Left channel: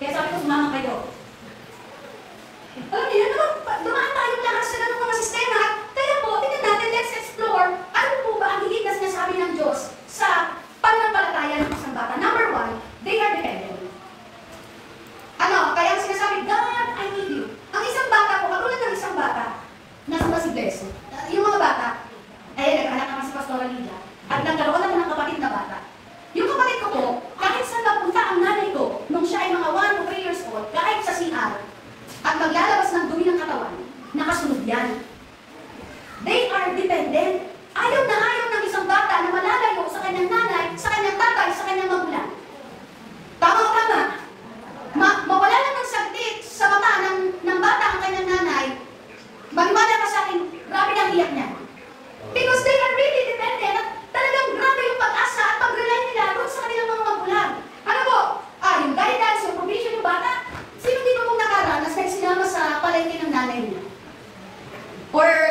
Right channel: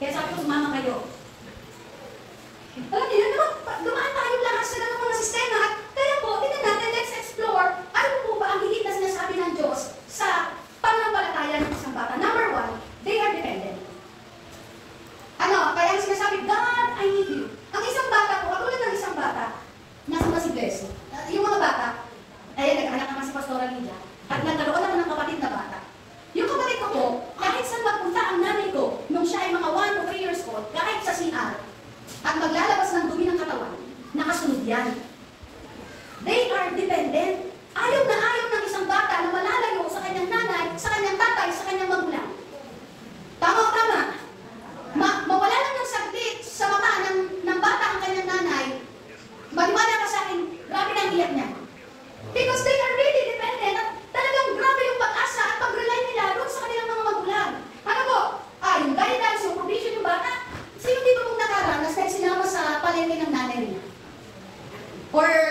Kaya sabi ko, sumama kayo.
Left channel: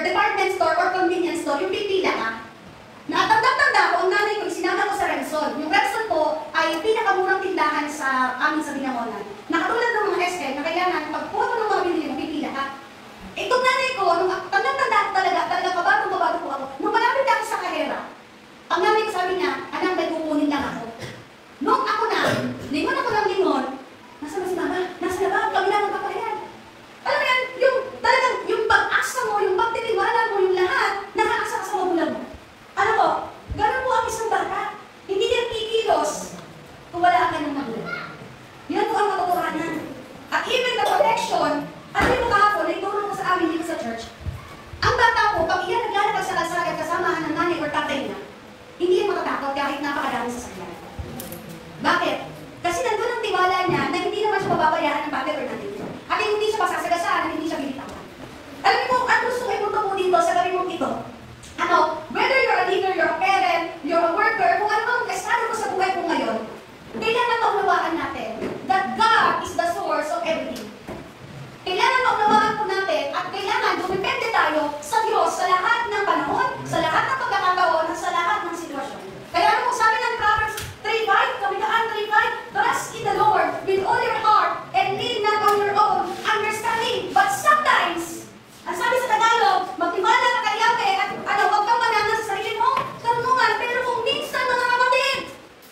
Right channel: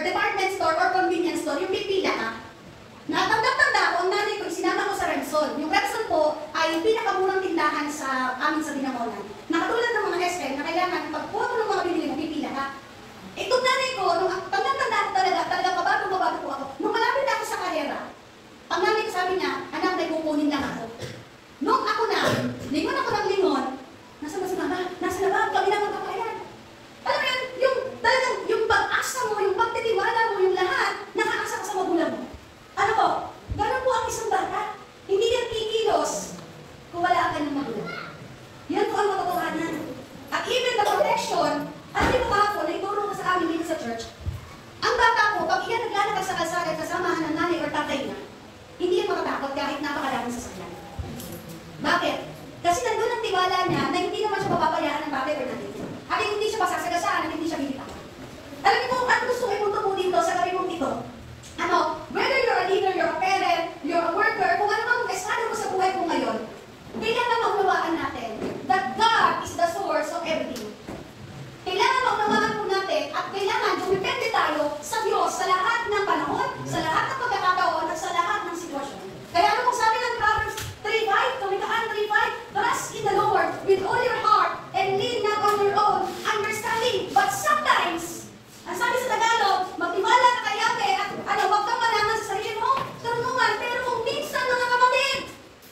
department store or convenience store, yung pipila ka. Natanggap-tanda ko, ang nanay ko, isinama ko sa Repsol. Yung Repsol po ay yung pinakamurang tindahan sa amin sa Binangonan. Nakatulad ng mga SM na kailangan pag-photo ng mga binili mo, pipila ka. Itong nanay ko, nung tanda-tanda ko talaga pabago po ako. Nung malapit ako sa kahera, ang nanay ko sabi niya, anak, may kukunin lang ako. Nung ako na, lingon ako ng lingon, nasa ba si mama? Nasa na ba? Kami na magpapayan. Alam mo yan, yung talagang, yung pag-asa mo, yung pagtitiwala mo, yung lahat, nakaasa ka sa magulang mo. Ano po? Ganun po ang isang bata. Hindi yan kikilos kung wala ka ng magulang. Yan po ang katotohanan. At even the protection, alam mo kahapon, naituro ko sa amin dito sa church, ang bata po, pag iyan naglalakad sa kalsada kasamahan ng nanay or tatay niya, hindi yan matatakot kahit napakadami sa sakyan. Bakit? Kasi nandun ang tiwala niya na hindi naman siya mapapabayaan ng tatay or nanay niya. At hindi siya masasagasaan at hindi siya binitawan. Alam mo, ano gusto ko ipunto mo dito sa gawin mong ito? Ano, whether you're a leader, you're a parent, you're a worker, kung ano mang estado mo sa buhay mo ngayon, kailangan maunawaan natin that God is the source of everything. Kailangan maunawaan po natin at kailangan dumipende tayo sa Diyos sa lahat ng panahon, sa lahat ng pagkakataon at sa lahat ng sitwasyon. Kaya ano kung sabi ng Proverbs 3:5, Kamikaan 3:5, trust in the Lord with all your heart and lean not on your own understanding. But sometimes, ang sabi sa Tagalog, magtiwala ka kay Yahweh at huwag kang manangan sa sarili mo, karunungan. Pero kung minsan, mga kapatid,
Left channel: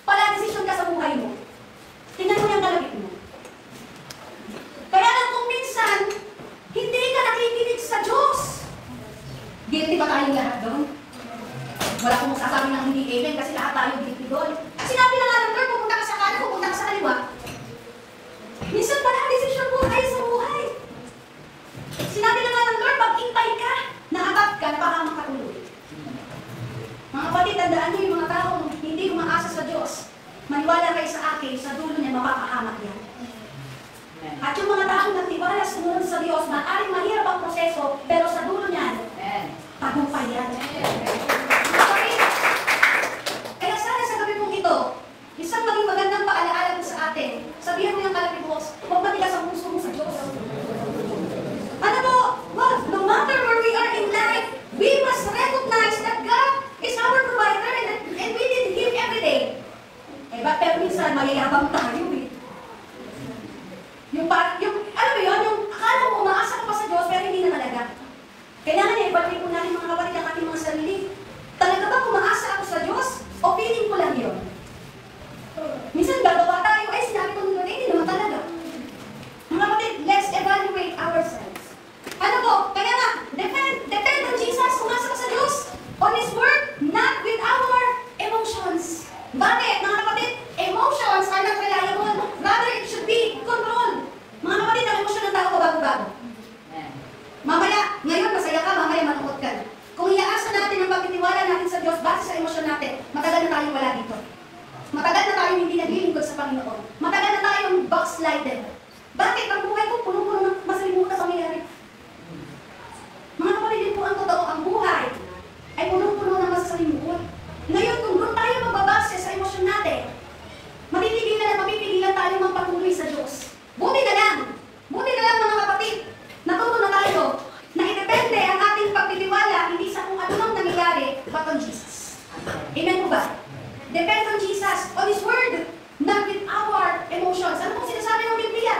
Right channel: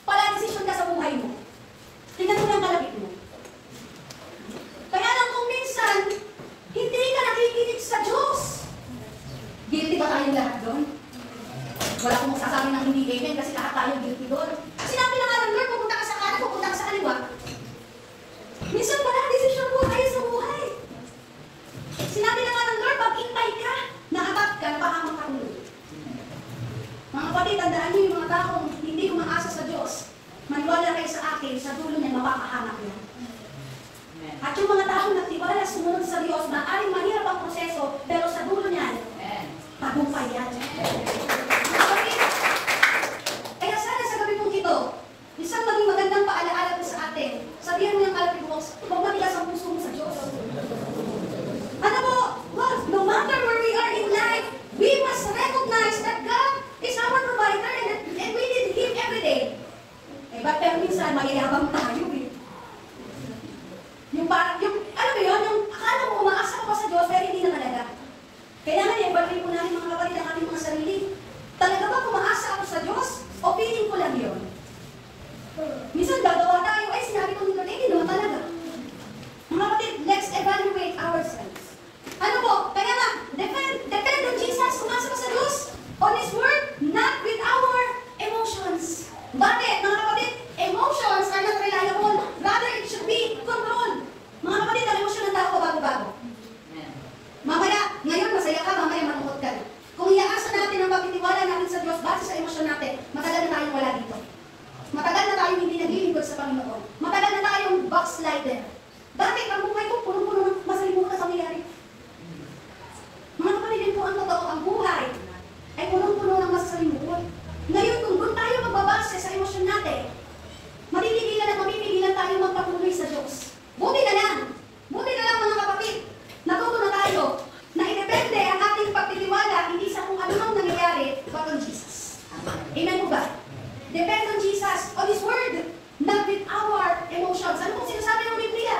pala desisyon ka sa buhay mo. Tingnan mo yung kalapit mo. Kaya lang kung minsan, hindi ka nakikinig sa Diyos. Guilty ba tayong lahat doon? Wala akong masasabi ng hindi amen kasi lahat tayo guilty doon. Sinabi na nga ng Lord, pupunta ka sa kanan, pupunta ka sa kaliwa. Minsan pala, desisyon po tayo sa buhay. Sinabi na nga ng Lord, pag-intay ka, naabat ka, napahamak ka ulo. Mga kapatid, tandaan niyo yung mga taong hindi umaasa sa Diyos. Maniwala kayo sa akin, sa dulo niya, mapapahamak yan. At yung mga taong nagtiwala sumunod sa Diyos, maaaring mahirap ang proseso, pero sa dulo niyan, tagumpay yan. Kaya sana sa gabi pong ito, isang maging magandang paalaala po sa atin. Sabihan niyo ng kalapit mo, huwag matigas ang puso mo sa Diyos. Ano po? Well, no matter where we are in life, we must recognize that God is our provider and we need Him every day. Pero minsan, mayayabang tayo eh. Alam mo yun, yung akala mo umaasa ka pa sa Diyos, pero hindi na talaga. Kailangan i-evaluate po natin mga kapatid ang ating mga sarili. Talaga ba umaasa ako sa Diyos? O feeling ko lang yun? Minsan gagawa tayo, ay sinabi ko nila, hindi naman talaga. Mga kapatid, let's evaluate ourselves. Ano po? Kaya nga, depend on Jesus, umasa ka sa Diyos, on His Word, not with our emotions. Bakit? Mga kapatid, emotions are not reliable. Rather, it should be controlled. Mga kapatid, ang emosyon ng tao bago-bago. Mamaya, ngayon masaya ka, mamaya malungkot ka na. Kung iaasa natin ang pagtitiwala natin sa Diyos base sa emosyon natin, matagal na tayong wala dito. Matagal na tayong hindi naglilingkod sa Panginoon. Matagal na tayong backslided. Bakit? Ang buhay ko punong-puno ng masalimutan na pangyayari. Mga kapatid, yun po ang totoo. Ang buhay ay punong-puno ng masalimutan. Ngayon, kung doon tayo magbabase sa emosyon natin, mapipigilan tayo magpatuloy sa Diyos. Buti na lang mga kapatid, natuto na tayo na idepende ang ating pagtitiwala hindi sa kung anumang nangyayari, but on Jesus. Amen po ba? Depend on Jesus, on His Word, not with our emotions. Ano pong sinasabi ng Biblia?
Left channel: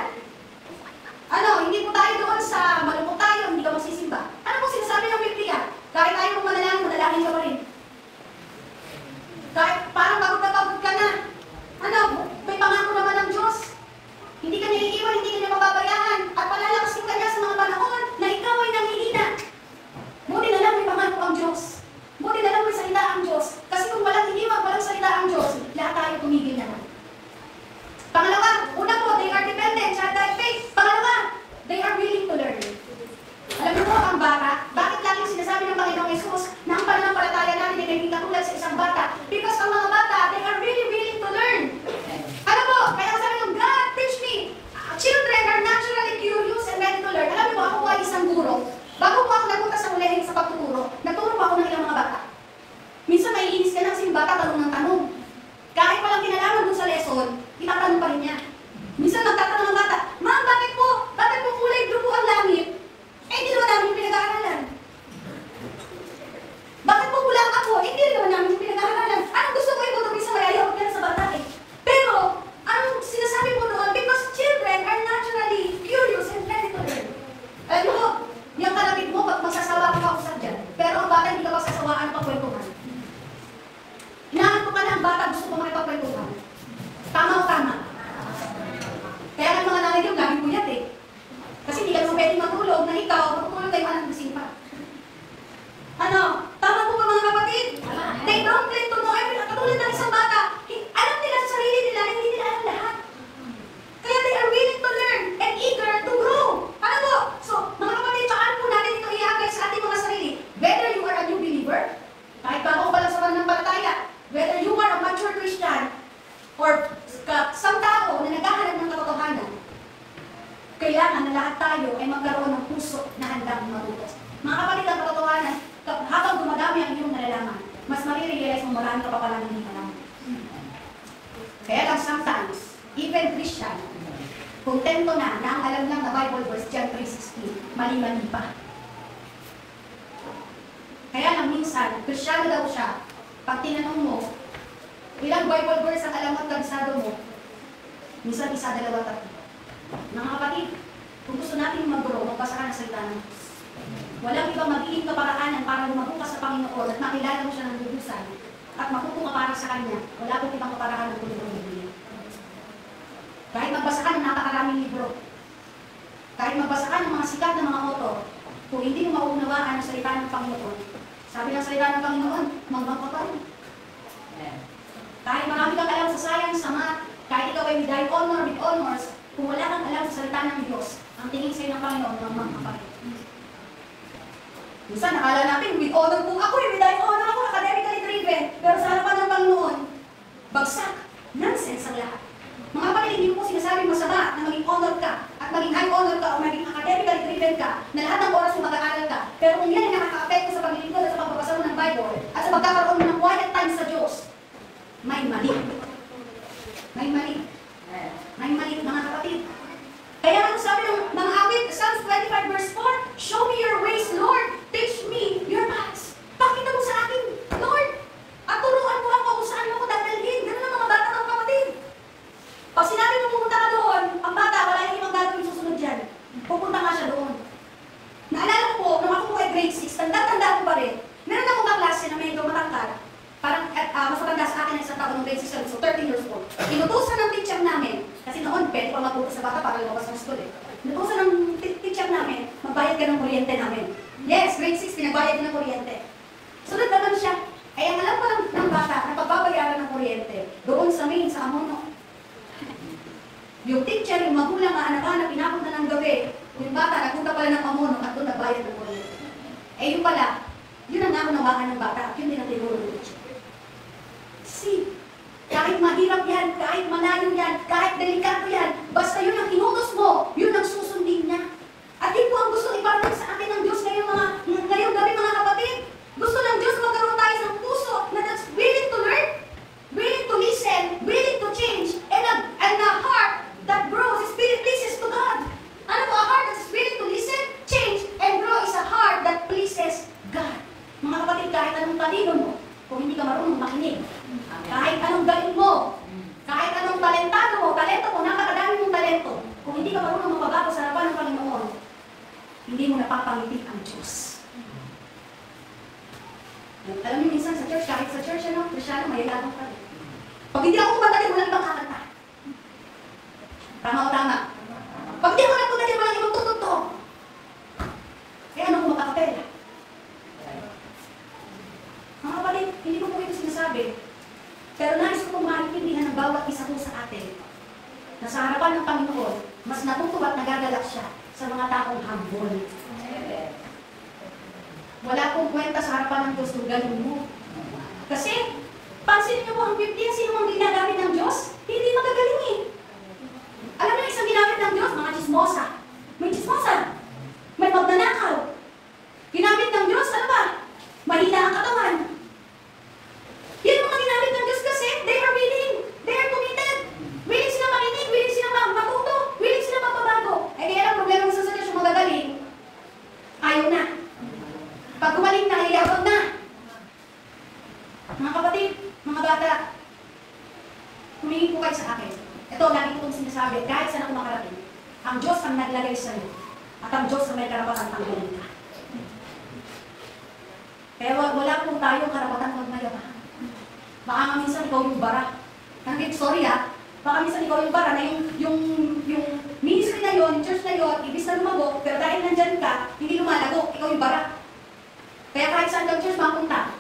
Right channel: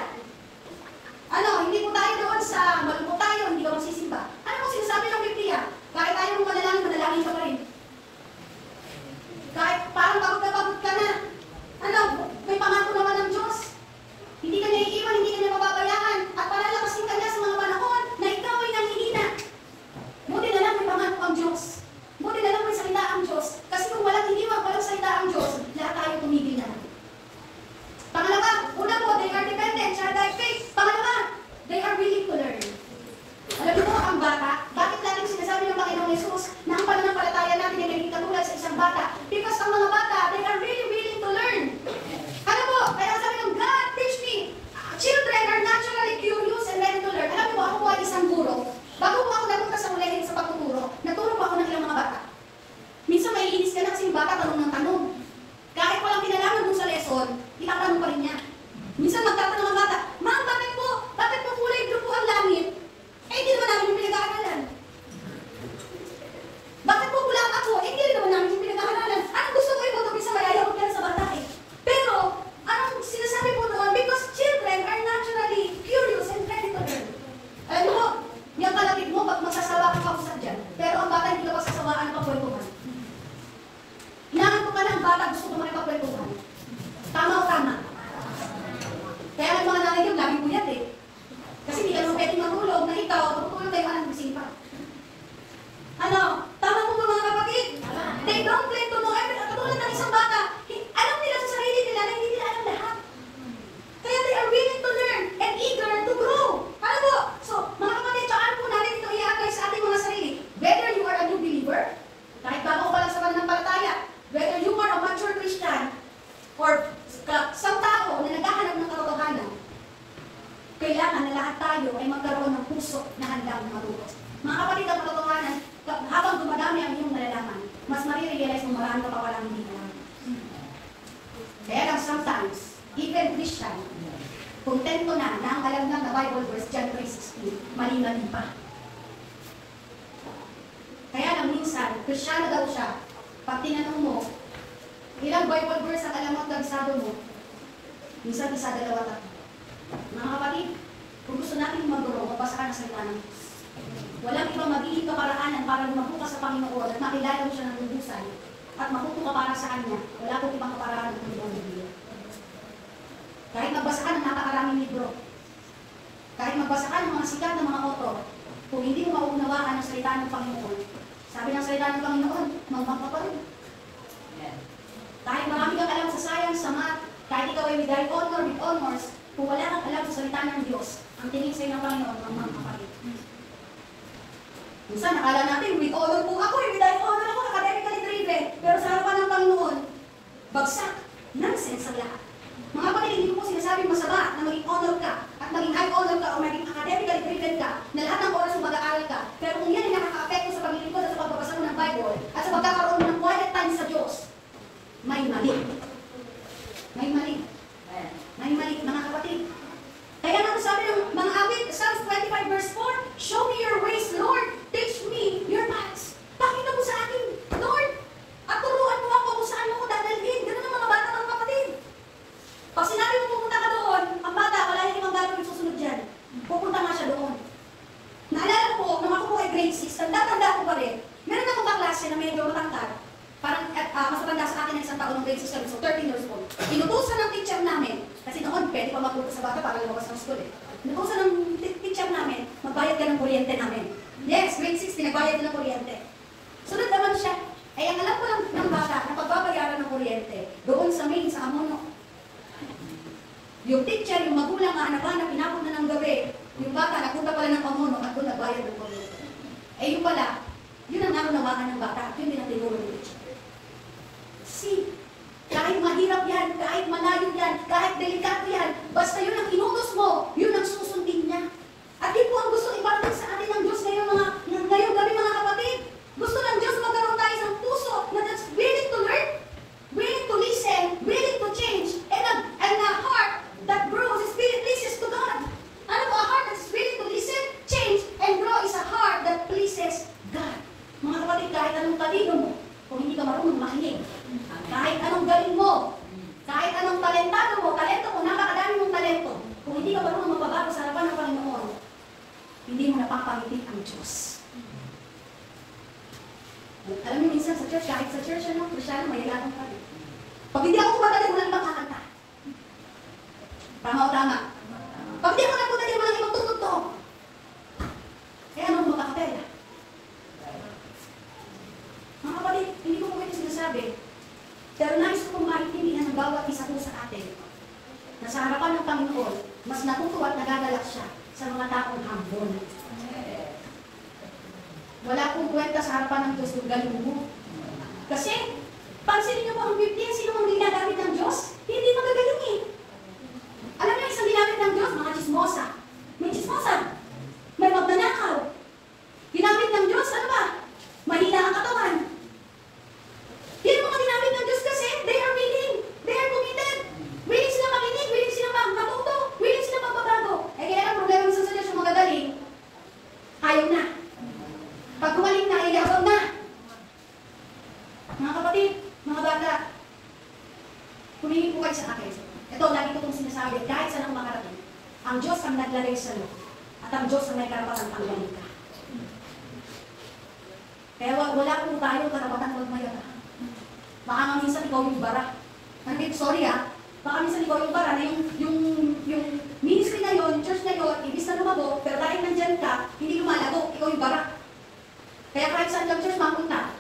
Hindi po tayo doon sa malungkot tayo, hindi ka magsisimba. Ano pong sinasabi ng Biblia? Kahit tayo mong manalangin ka pa rin. Kahit parang pagod ka na. May pangako naman ng Diyos. Hindi ka naiiwan, hindi ka na mababayaan. At palalakasin ka niya sa mga panahon na ikaw ay nanghihina. Buti na lang may pangako ang Diyos. Buti na lang may salita ang Diyos. Kasi kung walang hiniwag, walang salita ang Diyos, lahat tayo tumigil na lang. Pangalawa, una po, they are dependent, childlike faith. Pangalawa, they are willing to learn. na lahat tayo ay magkaroon ng puso na handang matuto. Mga kapatid, ang katotohanan, habang dumadami ang iyong nalalaman, mas marirealize mo marami ka pa palang hindi alam. Kaya lang sometimes, even Christian, kontento na ang alam lang na Bible verse, John 3:16, mali-mali pa. Kaya lang minsan, Kristiyano daw siya, pag tinanong mo, ilang Bible verse ang alam at kagsado mo, minsan isa, dalawa, tatlo. Mga kapatid, kung gusto natin mag-grow, magbasa ka ng salita ng Diyos. Walang ibang magiging kaparaanan para lumago ka sa Panginoon at makilala mo siya ng lubusay at matuto ka para sa Kanya. Wala pong ibang kaparaanan ng tulong ng Biblia. Kahit magbasa ka ng napakaraming libro, kahit magbasa ka ng mga sikat na mga author, kung hindi mo maunawaan ang salita ng Panginoon, sabi ng salita ng Panginoon, mangbang ka pa rin. Kahit marami kang alam sa science, sa math, kahit ikaw ay with honor, with honors, kung wala kang alam sa salita ng Diyos, ang tingin sa'yo ng Panginoon, mangbang ka pa rin. Minsan, nakala natin, with honor po ako, with honor ako, academically driven, pero sa harapan ng Panginoon, bagsak, nonsense ang lahat. Mga kapatid, hindi ko po sinasabing masama na maging honor ka, at maging high honor ka, o maging academically driven ka, na lahat ng oras mo mag-aaral ka, pero kung yan ay nakaka-apekto sa paglilingkod at sa pagbabasa mo ng Bible, at sa pagkakaroon mo ng quiet time sa Diyos, may mali. May mali. May mali, mga kapatid. Kaya nga sabi ng mga awit, Psalms 25 verse 4, show me your ways, Lord. Teach me your paths. Pakita mo sa akin, Lord. At turuan mo ako kung saan mo ko dadalhin. Ganun ang mga bata ng kapatid. Pag sinabi mo pumunta ka doon, ang bata, wala yung ibang gagawin susunod dyan. Pupunta nga siya doon. Naalala ko po, nung ako po ay grade 6, tanda ko pa rin. Meron akong kaklase na medyo matangkad. Parang mas matanda sa akin ng isang taon ng grade 6, so 13 years old. Inutusan ng teacher namin, kasi noon pwede pa magpupunta sa bata para lumabas ng school eh. Inutusan ng teacher namin, magbayad ka ng kuryente namin. Yes, grade 6, pinagbayad ng kuryente. Sunod naman siya. Ay, ang alam pa ng bata na pagbabayaran ng kuryente, doon sa main, sa Amono. Yung teacher, yung magulang, anak-anak, pinapunta ng gabi. Yung bata, napunta pala ng Amono at doon nagbayad ng kuryente. Eh, yung pala, yun ang naunawaan ng bata at yun din ang tinuro ng teacher. See, kahit mahirap yan, kahit malayo yan, kahit delikado yan, basta yun ang inutos mo, yun ang susundin niya. At yun po ang gusto iparating sa atin ng Diyos ngayong gabi mga kapatid. Gusto ng Diyos magkaroon tayo ng puso na that's willing to learn, willing to listen, willing to change, and a heart that grows, spirit pleases to God. Ano po, a heart that's willing to listen, change, and grow is a heart that pleases God. Mga kapatid, kahit anong talino mo, kung hindi ka marunong makinig, kahit anong galing mo, kahit anong talento mo, napakadami mong talento, kung hindi ka marunong mapabago sa harapan ng Panginoon, hindi mo napapangiti ang Diyos. Alam niyo, minsan sa church, kahit sa church, Kristiyano, may ilang pa rin. Pag hindi ako kumanta, walang ibang kakanta. Tama o tama? Pag hindi ako nagpunta, walang ibang tutugtog. Kaya ano kung magkakapela? Mga kapatid, hindi ko po ito sinasabi. Pero nais ko pong maintindihan ng bawat isa po sa atin na sa harapan ng Panginoon, mas natutuwa at nagagalak siya sa mga taong humble. Wala pong kwenta sa harapan ng Diyos kung galing mo. Kasi, pansinin niyo po ang 15, sino ang ginagamit ng Diyos? Hindi magagaling eh. Alam niyo, isang ginamit ng Diyos, mga chismosa. May chismosa. May magnanakaw. Ginamit ng Diyos, ano ba? Mahina ang katawan. Yan ang mga ginamit ng Diyos kasi they are willing. They are committed. Willing sila makinig, willing sila matuto, willing sila magbabago. Eh kaya ang problema sa Diyos yung magagaling, ayaw na. Pag gumaling na, iyabang na. Mga kapatid, mga bata, tumingin po kayo sa akin. Ito, lagi ko itong sinasabi, kahit saan ako makarating, ang Diyos ang naglagay sa iyo, at ang Diyos ang may karapatan tanggalin ka. Kaya wala po tayong karapatan magmayabang. Baka nga minsan ikaw yung bara. Sorry baka minsan ikaw yung bara na yung ministry na yun, church na yun, ibis na lumago, pero dahil nandyan ka, hindi lumalago, ikaw yung bara. Kaya kahit saan kang church mapunta,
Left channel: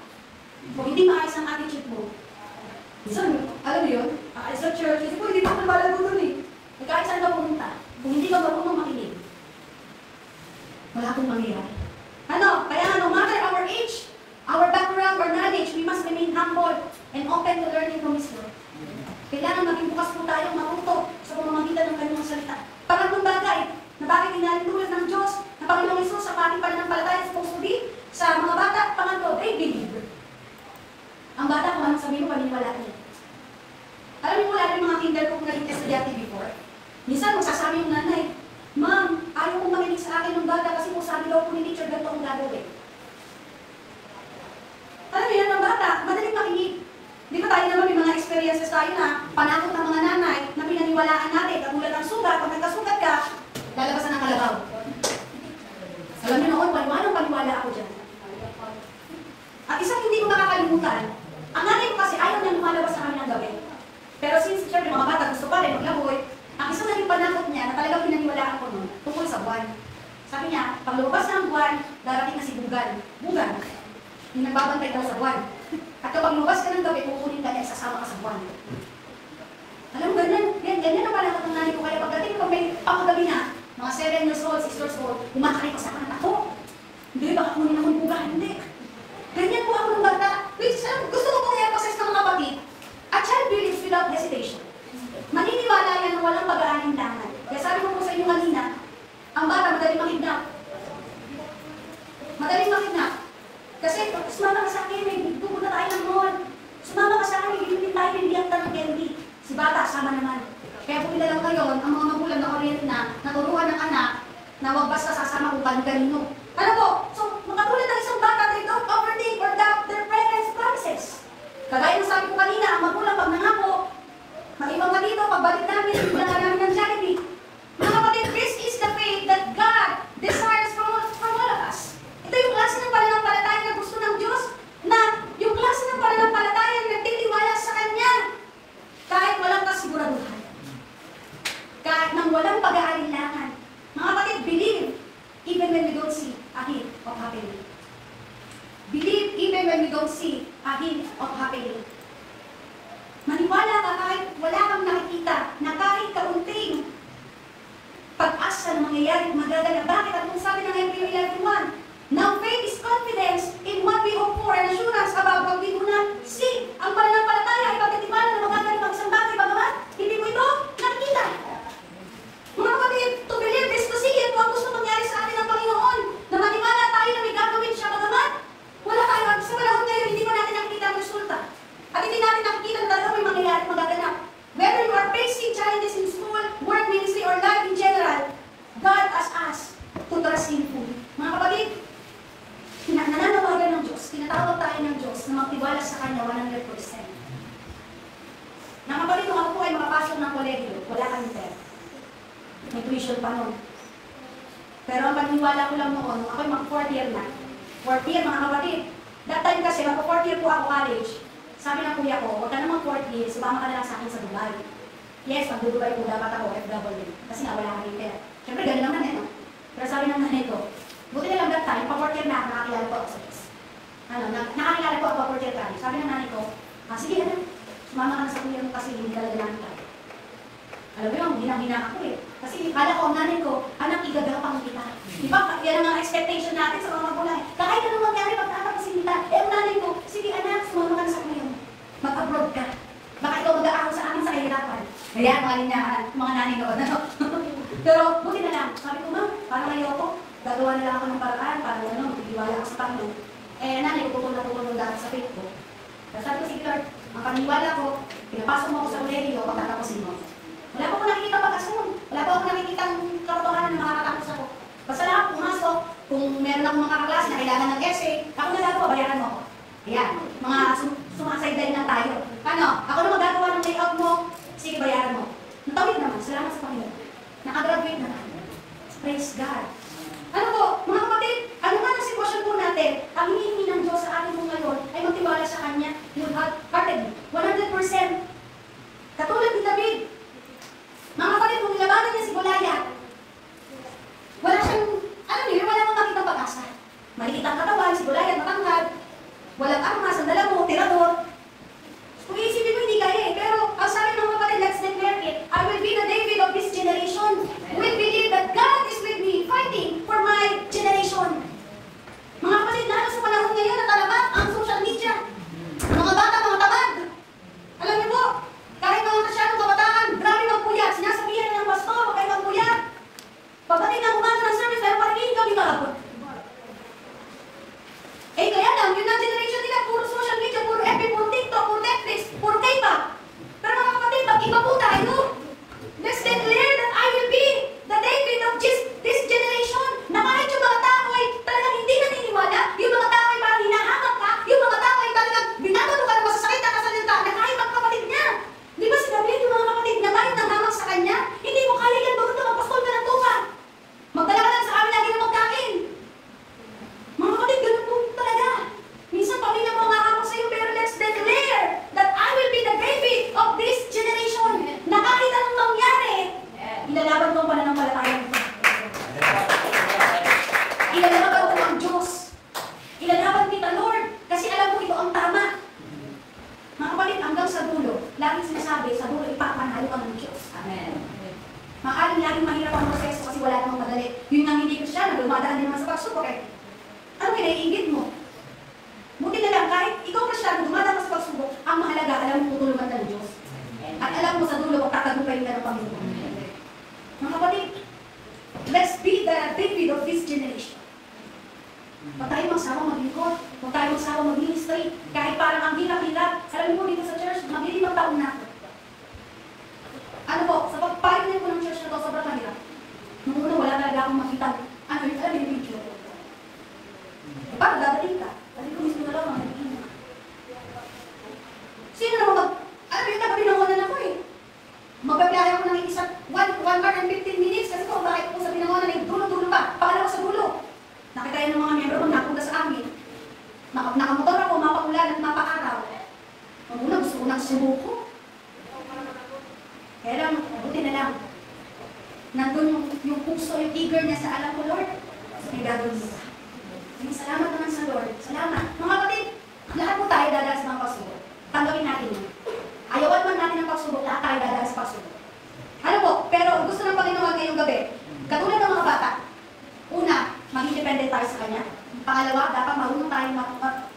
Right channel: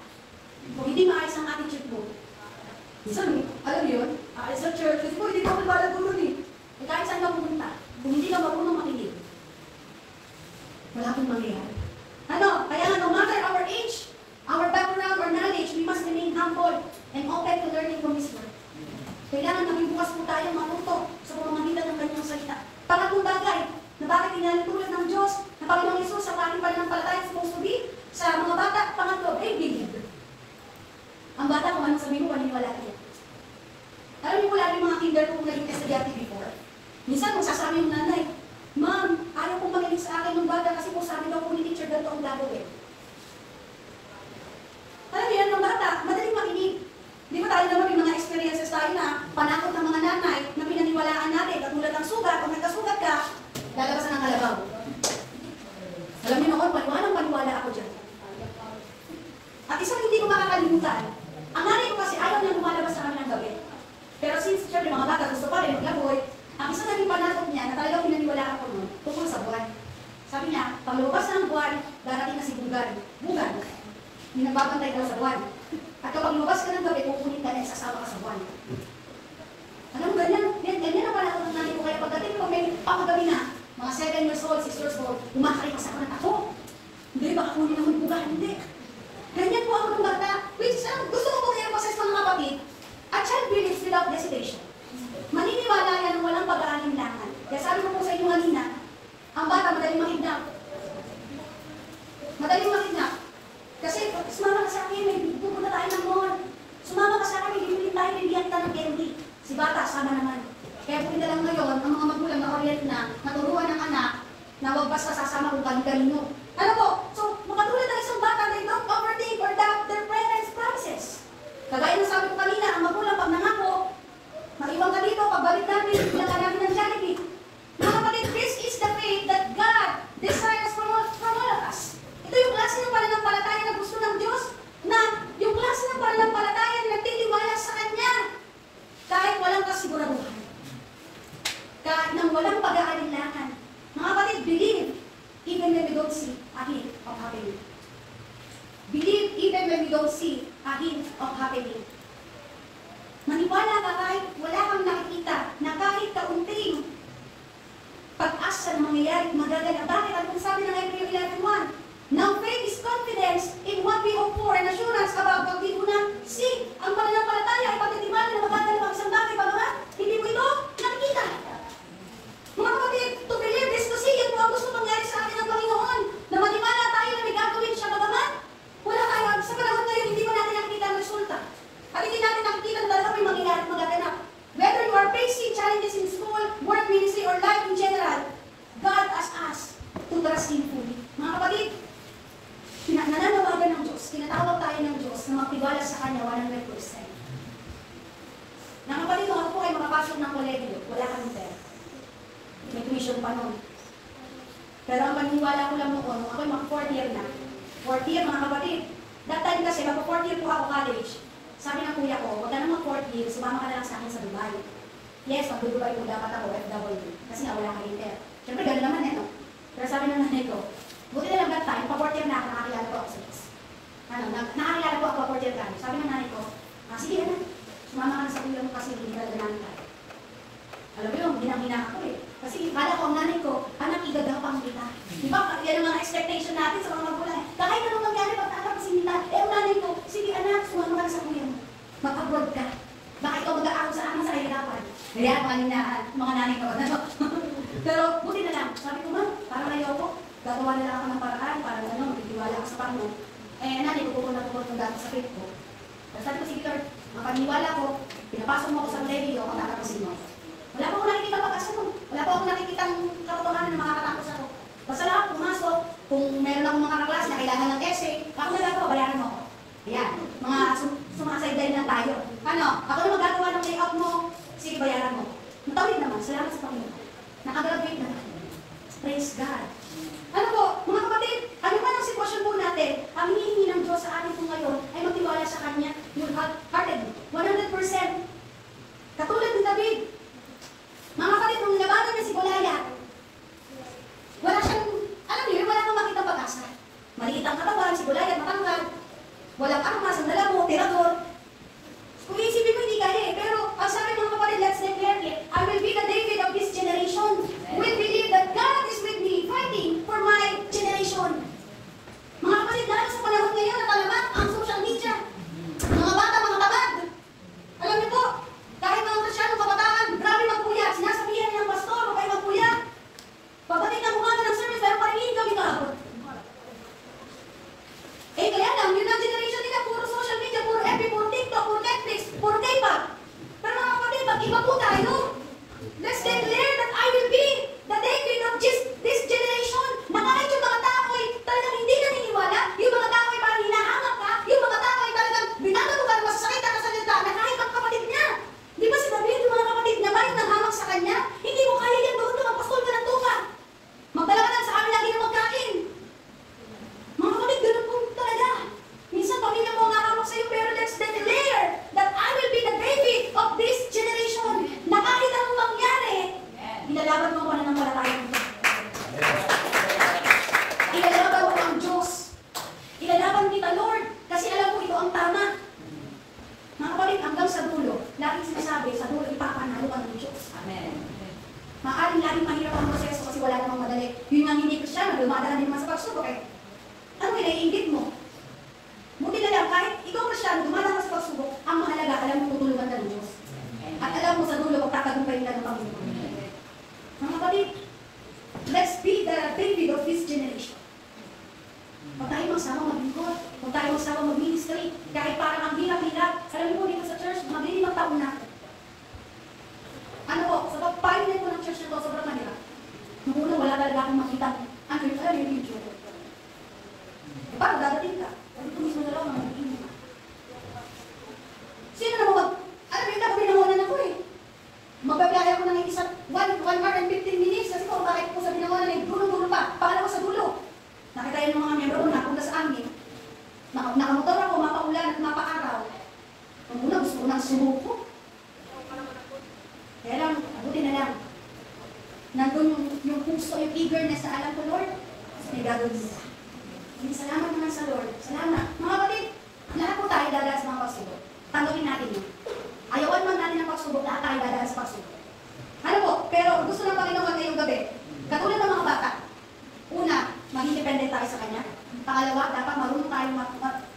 kung hindi maayos ang attitude mo, minsan, alam mo yun, sa church, kasi po hindi ko lumalago nun eh. Kahit saan ka pumunta, kung hindi ka marunong makinig, wala akong mangyayari. Kaya no matter our age, our background, or knowledge, we must remain humble and open to learning from His Word. Kailangan maging bukas po tayong matuto sa pamamagitan ng kanyang salita. Pangatlong bagay, na bakit daw po ni teacher ganito ang gagawin. Alam niyo, ng bata, madaling makinig. Di ba tayo naman may mga experiences tayo na panakot ng mga nanay na pinaniwalaan natin, katulad ng sugat, pag nagkasugat ka, lalabasan ng kalabaw. Alam niyo noon, paniwala ako dyan. At isang hindi ko makakalimutan, ang nanay ko kasi ayaw niya lumalabas sa kami ng gabi. Pero since syempre mga bata gusto pa rin maglaboy, ang isang naging panakot niya na talagang pinaniwalaan ko noon, tungkol sa buwan. Sabi niya, pag lumabas na ng buwan, darating na si Bugan. Bugan, yung nagbabantay daw sa buwan. At kapag lumabas ka ng gabi, kukunin ka dahil sasama ka sa buwan. Alam mo, ganyan na panakot ng nanay ko. Kaya pagdating ko, may pangagabi na, mga 7 years old, 6 years old, kumakain pa sa akin ako. Hindi, baka kunin akong Bugan. Hindi. Ganyan po ako ng bata. Which is, gusto ko pong i-emphasize ng mga kapatid. A child believes without hesitation. Maniniwala yan na walang pag-aalinlangan. Kaya sabi ko po sa inyo kanina, ang bata madaling makidnap. Madaling makidnap. Kasi sumama ka sa akin, may pupunta tayo ng mall. Sumama ka sa akin, may bibili tayo, bibiyakta ng candy. Si bata, sama naman. Kaya po lang ngayon, ang mga magulang na orient na naturuan ng anak na huwag basta sasama kung kanino. Ano po? So, makatulad ng isang bata, they don't overthink or doubt their parents' promises. Kagaya ng sabi ko kanina, ang magulang pag nangako, mag-ibang ka dito, pagbalik namin, bilang ka namin ng Jollibee. Mga kapatid, this is the faith that God desires from all of us. Ito yung klase ng pananampalataya na gusto ng Diyos, na yung klase ng pananampalataya na nagtitiwala sa Kanya, kahit walang kasiguraduhan. Kahit nang walang pag-aalinlangan. Mga kapatid, believe, even when we don't see a hint of happening. Believe even when we don't see a hint of happening. Maniwala ka kahit wala kang nakikita na kahit kaunting pag-asa na mangyayari at magagala. Bakit? Ang sabi ng Hebrew 11:1, now faith is confidence in what we hope for and assurance about what we do not see. Ang pananampalataya ay pagkatiwala na magagala ng isang bagay, bagamat hindi mo ito nakikita. Mga kapatid, to believe is to see. Yan po ang gusto mangyari sa atin ng Panginoon. Na maniwala tayo na may gagawin siya, bagamat wala tayo. Sa panahon ngayon, hindi mo natin nakikita ang resulta. At hindi natin nakikita na talaga may mangyayari at magaganap. Whether you are facing challenges in school, work, ministry, or life in general, God asks us to trust Him fully. Mga kapatid, nananawagan ng Diyos, tinatawag tayo ng Diyos na magtiwala sa Kanya 100%. Mga kapatid, kung ako po ay makapasok ng kolegyo, wala kang pera. May tuition pa noon. Pero ang paniniwala ko lang noon, nung ako'y mag-4th year na. 4th year, mga kapatid. That time kasi, mag-4th year po ako college. Sabi ng kuya ko, huwag ka na mag-4th year, sumama ka na lang sa akin sa Dubai. Yes, pag-Dubai po dapat ako, FW. Kasi nga wala kang pera. Siyempre, gano'n naman eh, no? Pero sabi ng nanay ko, buti na lang that time, pag-4th year na ako, nakakilala po ako sa Diyos. Nakakilala po ako pag-4th year college. Sabi ng nanay ko, sige anak, sumama ka na sa kuya mo kasi hindi talaga namin tayo. Alam mo yun, ginagina ako eh. Kasi kala ko ang nanay ko, anak, igagapang kita. Di ba? Yan ang mga expectation natin sa mga magulang. Kahit anong mangyari, pag-anak ko sinita, ang nanay ko, sige anak, sumama ka na sa kuya mo. Mag-abroad ka. Baka ikaw mag-aahon sa amin sa kahirapan. Kaya mga nanay ko, ano? Pero buti na lang. Sabi ko, ma'am, parang ayoko. Gagawa nila ako ng paraan para magtiwala ako sa Panginoon. Eh, nanay ko, pupunta dati sa faith ko. Tapos sabi ko, sige Lord, makapaniwala ko, pinapasok mo ako sa ulerio, pagkatapusin mo. Wala po ako nakikita pag-asun. Wala po ako nakikita ang katotohanan na makakatapos ako. Basta lang ako pumasok, kung meron akong mga kaklase na kailangan ng essay, ako na lang po, bayaran mo ako. Ayan, mga sumasayday lang tayo. Ano, ako na magagawa ng layout mo, sige bayaran mo. Natawid naman, salamat sa Panginoon. Nakagraduate naman. Praise God. Ano po, mga kapatid, ano ba ang sitwasyon po natin? Ang hinihingi ng Diyos sa atin po ngayon ay magtiwala sa Kanya. You have hearted 100%. Katulad ni David. Mga kapatid, nung nilabanan niya si Goliath, wala siyang, alam niyo, wala nang makitang pag-asa. Maliit ang katawan, si Goliath matangkad, walang armas, ang dala mo, tirador. Kung iisipin mo, hindi kaya eh. Pero, ang sabi ng mga kapatid, let's declare it. I will be the David of this generation. We believe that God is with me, fighting for my generation. Mga kapatid, lalo sa panahon ngayon na talabat ang social media. Mga bata, mga tabad. Alam niyo po, kahit mga kasyadong kabataan, grabe magpuyat. Sinasabihan ng pastor, huwag kayo magpuyat. Pagdating ng umaga ng service, pero paringin kami kahapon. Eh kaya lang, yun ang generation nila, puro social media, puro dumadaan din naman sa pagsubok eh. Ano kinaiingit mo? Buti na lang, kahit ikaw Kristyano, dumadaan ka sa pagsubok, ang mahalaga, alam mo tutulungan ka ng Diyos. At alam mo sa dulo, tatagumpayin ka ng Panginoon. Mga kapatid, let's be the David of this generation. Huwag tayo magsama maglingkod, huwag tayo magsama mag-ministry, kahit parang ang hirap-hirap. Alam mo dito sa church, maglilimang taon na ako. Ano po, sa pagpapayin ko ng church na to, sobrang mahirap. Nung una, wala talaga akong makita. Ano yung video? Parang dadating ka. Sabi ko mismo wala akong magiging. Sino naman alam mo yung kapinawanan ako eh. Magbabiyahe ako ng isang 1 hour and 15 minutes kasi kung bakit po sa binawanan ay dulo-dulo pa. Pangalawa sa dulo. Nakita ng mga miyembro doon, napunta sa amin. Nakamotor ako, mapaulan at mapakaraw. Kung una, gusto ko nang sumuko. Kaya lang, buti na lang. Nandun yung puso, yung eagerness sa alam ko, Lord. May gagawin mo. Salamat naman sa Lord. Salamat. Mga kapatid, lahat po tayo dadalas ng pagsubok. Tanggapin natin yun. Ayawan man natin ang pagsubok, lahat tayo dadalas sa pagsubok. Ano po, pero gusto ng Panginoon ngayong gabi, katulad ng mga bata, una, maging dependent tayo sa Kanya. Pangalawa, dapat marunong tayo,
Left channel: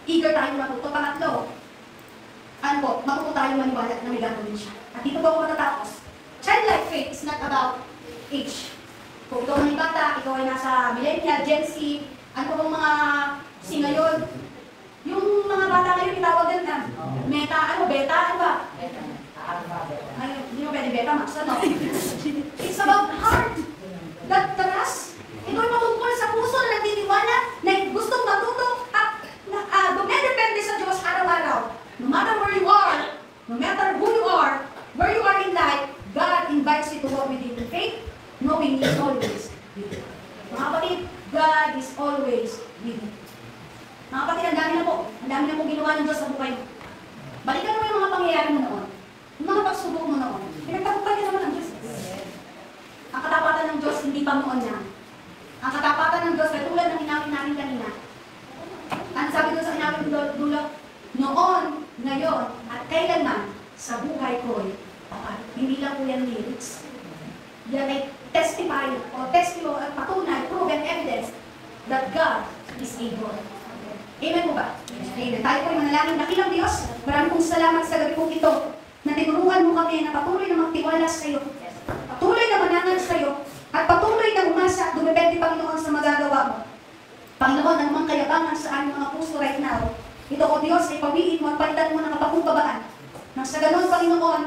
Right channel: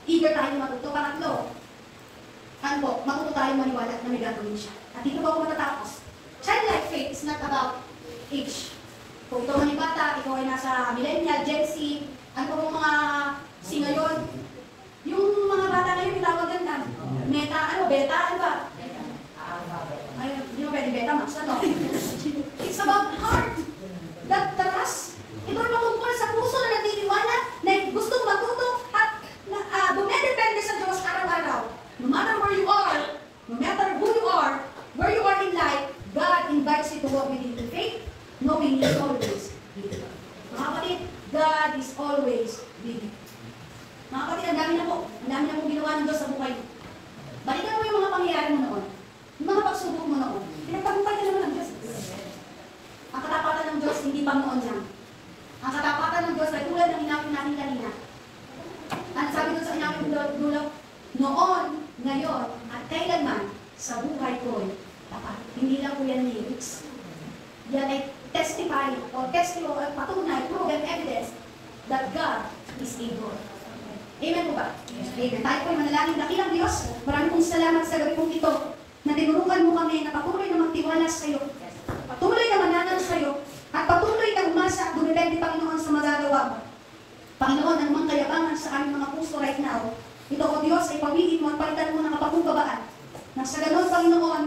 eager tayo matuto. Pangatlo, ano po, matuto tayo maniwala na may gagawin siya. At dito po ako matatapos. Childlike faith is not about age. Kung ikaw ay bata, ikaw ay nasa millennial, Gen Z, ano po mga ngayon, yung mga bata ngayon, itawagan na, meta, beta, ano ba? Ayun, hindi mo pwede beta, max, ano? It's about heart. That trust. Ito ay matungkol sa puso na nagtitiwala, na gustong matuto, at dumedepende sa Diyos araw-araw. No matter where you are, no matter who you are, where you are in life, God invites you to walk with Him in faith, knowing He is always with you. Mga kapatid, God is always with you. Mga kapatid, ang dami na po ginawa ng Diyos sa buhay mo. Balikan mo yung mga pangyayari mo noon. Yung mga pagsubok mo noon. Pinagtagumpay ka naman ng Diyos. Ang katapatan ng Diyos, hindi pa moon yan. Ang katapatan ng Diyos, ay tulad ng hinapin natin kanina. Ang sabi doon sa hinapin dulak, noon, ngayon, at kailanman, sa buhay ko, hindi lang po yan lyrics. Yan ay testify, o testimony, patunay, proven evidence that God is able. Amen po ba? Amen. Tayo po ay manalangin. Dakilang Diyos, maraming pong salamat sa gabi pong ito na tinuruan mo kami na patuloy na magtiwala sa iyo, patuloy na mananal sa iyo, at patuloy na umasa at dumepende, Panginoon, sa magagawa mo. Panginoon, anumang kayabangan sa aming mga puso right now, ito o Diyos ay pamilin mo at palitan mo ng kapagkumbabaan. Nang sa ganun, Panginoon,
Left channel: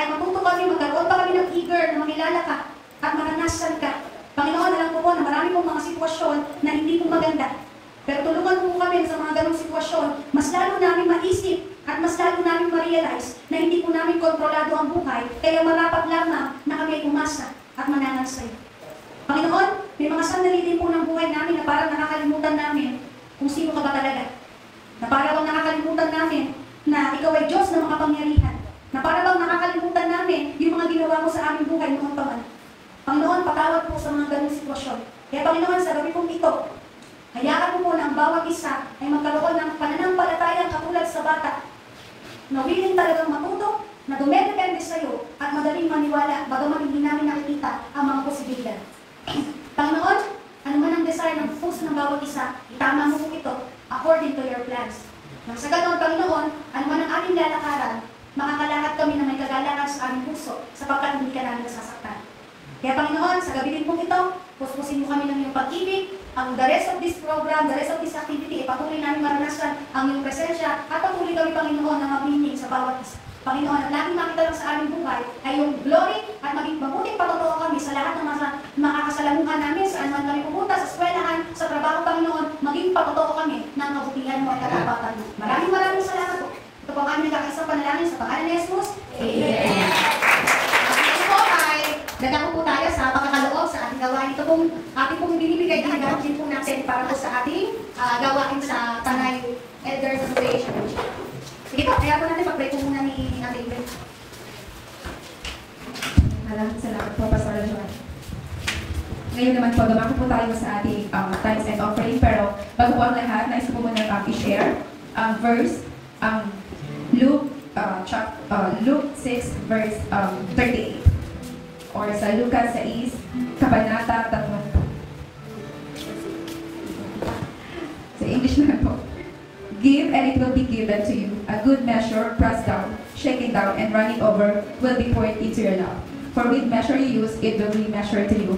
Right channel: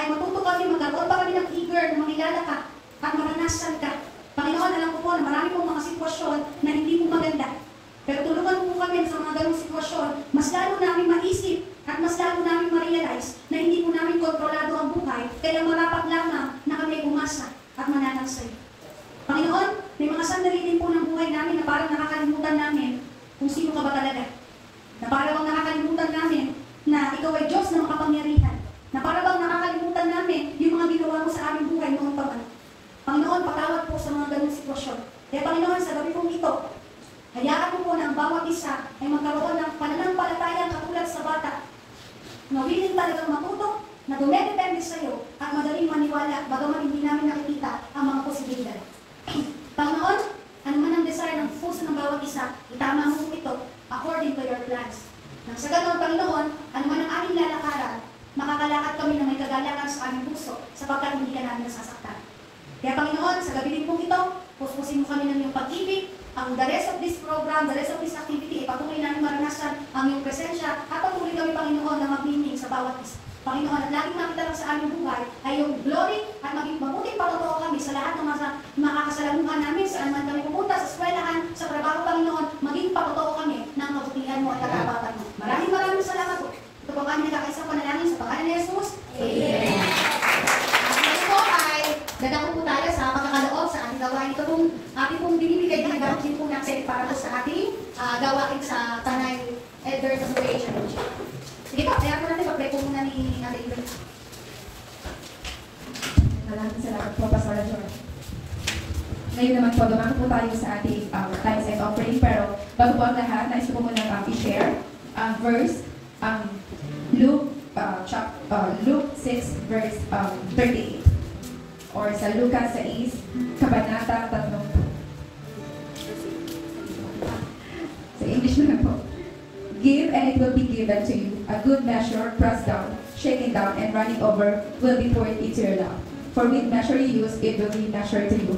ay matuto kami, magkaroon pa kami ng eager na makilala ka at maranasan ka. Panginoon, alam ko po na marami pong mga sitwasyon na hindi po maganda. Pero tulungan mo kami sa mga ganong sitwasyon, mas lalo namin maisip at mas lalo namin ma-realize na hindi po namin kontrolado ang buhay, kaya marapat lamang na kami umasa at mananal sa iyo. Panginoon, may mga sandali din po ng buhay namin na parang nakakalimutan namin kung sino ka ba talaga. Na parang nakakalimutan namin na ikaw ay Diyos na makapangyarihan. Na parang nakakalimutan namin yung mga ginawa mo sa aming buhay noon pa man. Panginoon, patawad po sa mga ganong sitwasyon. Kaya Panginoon, sa gabi pong ito, hayaan mo po na ang bawat isa ay magkaroon ng pananampalatayang katulad sa bata na willing talagang matuto, na dumedepende sa iyo at madaling maniwala bagaman hindi namin nakikita ang mga posibilidad. Panginoon, ano man ang desire ng puso ng bawat isa, itama mo ito according to your plans. Nang sa ganoon, Panginoon, ano man ang aming lalakaran, makakalakad kami na may kagalakan sa aming puso sapagkat hindi ka namin nasasaktan. Kaya Panginoon, sa gabi din pong ito, puspusin mo kami ng iyong pag-ibig, ang the rest of this program, the rest of this activity, patuloy namin maranasan ang iyong presensya at patuloy kami, Panginoon, na mabining sa bawat isa. Panginoon, at laging makita lang sa aming buhay ay yung glory at maging mabuting patotoo kami sa lahat ng makakasalamuhan namin, saan man kami pupunta, sa eskwelahan, sa trabaho, Panginoon, maging patotoo kami ng kabutihan mo at katapatan mo. Maraming salamat po. Ito po ang aming nakaisang panalangin sa pangalan ni Jesus. Amen. Dadako po tayo sa pagkakaloob sa ating gawain. Ito pong ating pong binibigay din po natin para po sa ating gawain sa Tanay Elders Association. Sige po, kaya po natin pag-pray po muna ni Ate Iben. Maraming salamat po, Pastor John. Ngayon naman po, dumako po tayo sa ating tithes and offering. Pero bago po ang lahat, nais ko po muna i-share ang verse, Luke 6, verse 38. Or sa Lucas 6, Kabanata 3. English na lang po. Give and it will be given to you. A good measure, pressed down, shaken down, and running over will be poured into your lap. For with measure you use, it will be measured to you.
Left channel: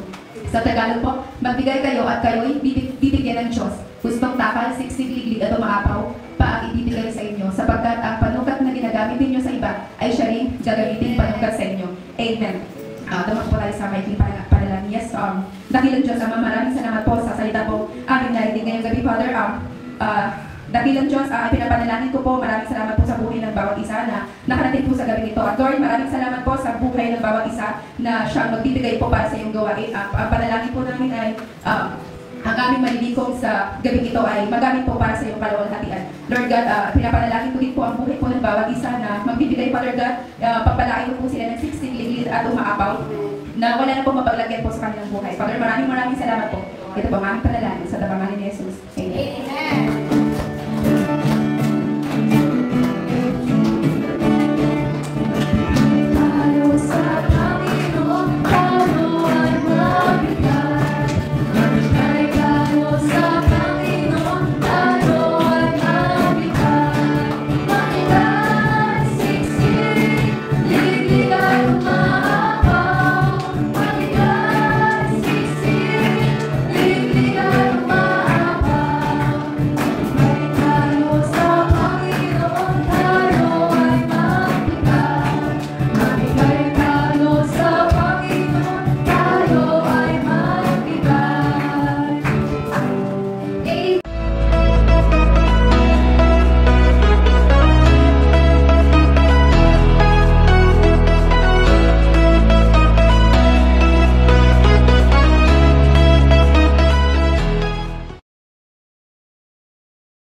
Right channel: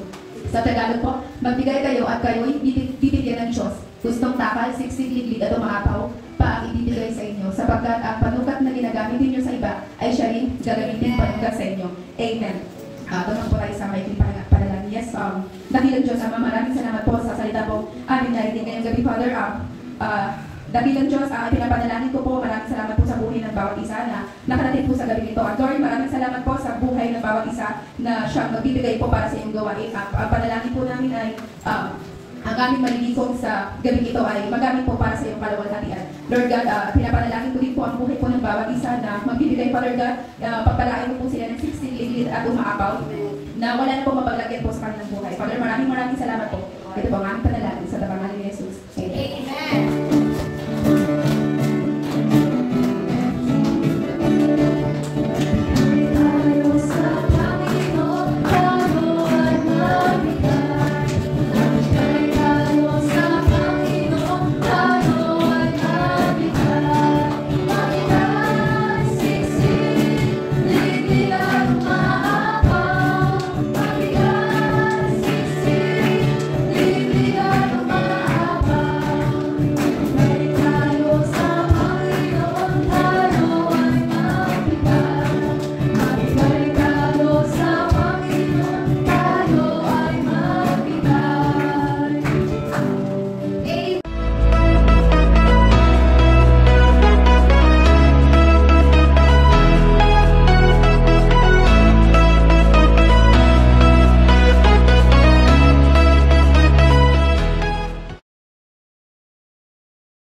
Sa Tagalog po, magbigay kayo at kayo'y bibigyan ng Diyos. Gustong takal, siksik, liglig at umaapaw pa ang ibibigay sa inyo. Sapagkat ang panukat na ginagamit ninyo sa iba ay siya rin gagamitin panukat sa inyo. Amen. Dumak po tayo sa maikling panalangin. Yes, dakilang Diyos, maraming salamat po sa salita po amin narinig ngayong gabi, Father. Dakilang Diyos, pinapanalangin ko po, maraming salamat po sa buhay ng bawat isa na nakarating po sa gabi nito. At Lord, maraming salamat po sa buhay ng bawat isa na siya magbibigay po para sa iyong gawain. Ang panalangin po namin ay ang aming malilikom sa gabi ito ay magamit po para sa iyong kalawalhatian. Lord God, pinapanalangin ko din po ang buhay po ng bawat isa na magbibigay, Father God, pagpalain mo po sila ng siksik, ligid at umaapaw na wala na po mapaglagyan po sa kanilang buhay. Father, maraming salamat po. Ito po ang aming panalangin.